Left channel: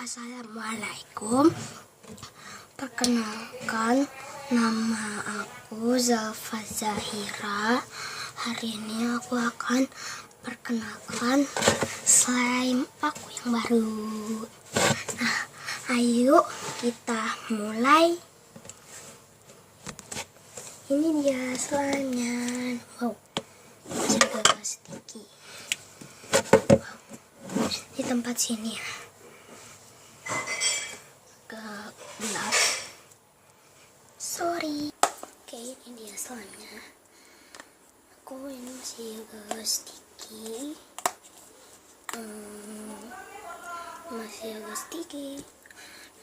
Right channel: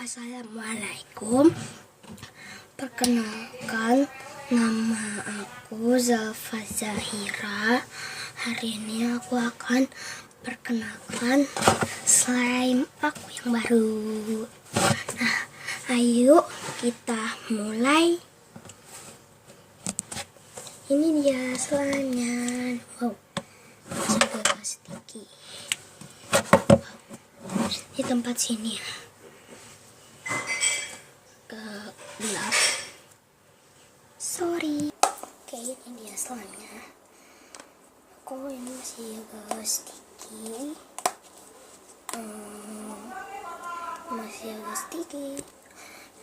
Assalamualaikum. Perkenalkan, nama aku Zalfa Zahira. Hari ini aku akan perkenalkan slime aku yang baru. Nah, ayo kita mulai. Ini dia slime-nya. Wow, juga sticky. Di tempat sini agak gelap. Sorry. Oke, ini dia slime-nya. Aku ini masih agak sticky. Masih agak sticky.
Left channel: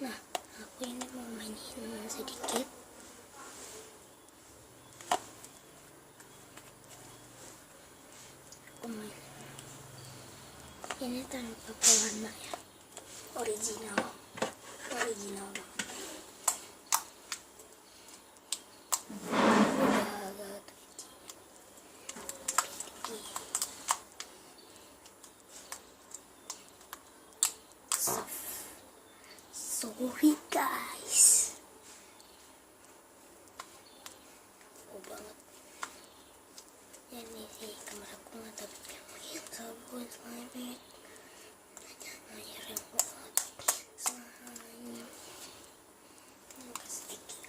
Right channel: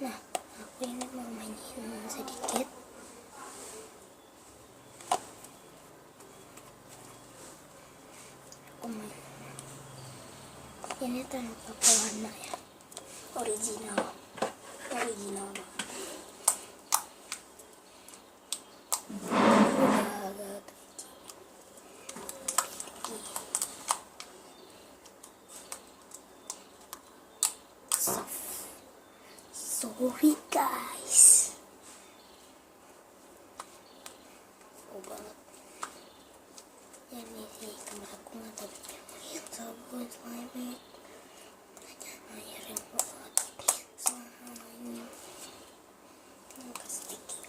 Nah, aku ini mau mainin sedikit. Aku main. Ini tanpa pewarna ya. Original banget. Udah agak tricky. Sorry guys. Banget. Ya ini sih kamera aku nggak tahu yang sabun slime air yang buat slime yang sticky.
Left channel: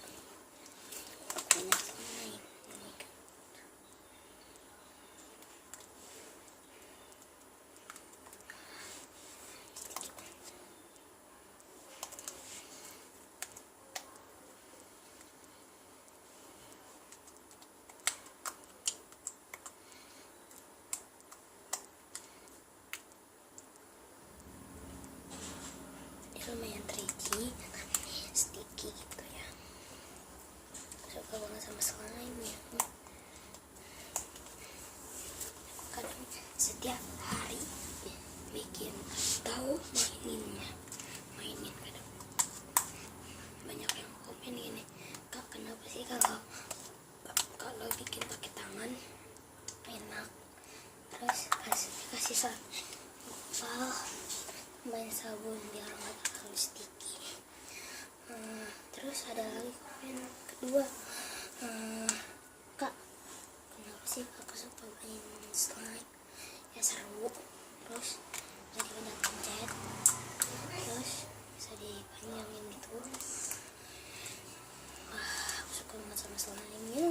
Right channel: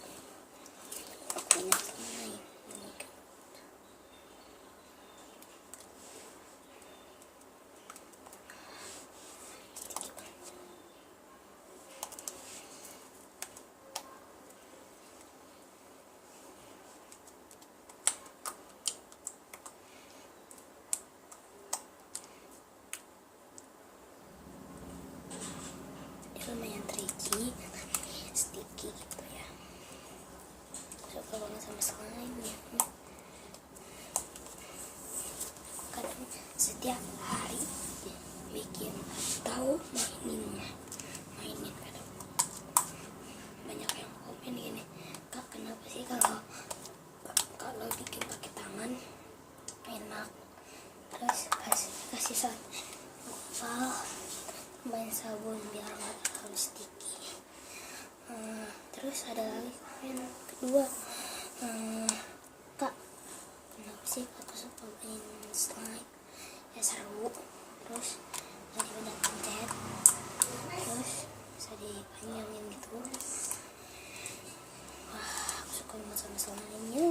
Aku punya slime. Oh my god. Lumayan tricky, sticky gitu ya. Suka banget sama slime ya. Aku kadang setiap hari bikin atau mainin kadang. Banyak yang komen gini, Kak, kenapa sih kalau bikin pakai tangan enak, terus kasih sambal main sabun biar nggak terlalu sticky. Terus ada lagi komen kedua, Kak, kenapa sih aku suka main slime? Ya seru, terus jadi banyak pencet, terus bisa dipanjangin gitu. Wah, aku suka banget sama slime-nya.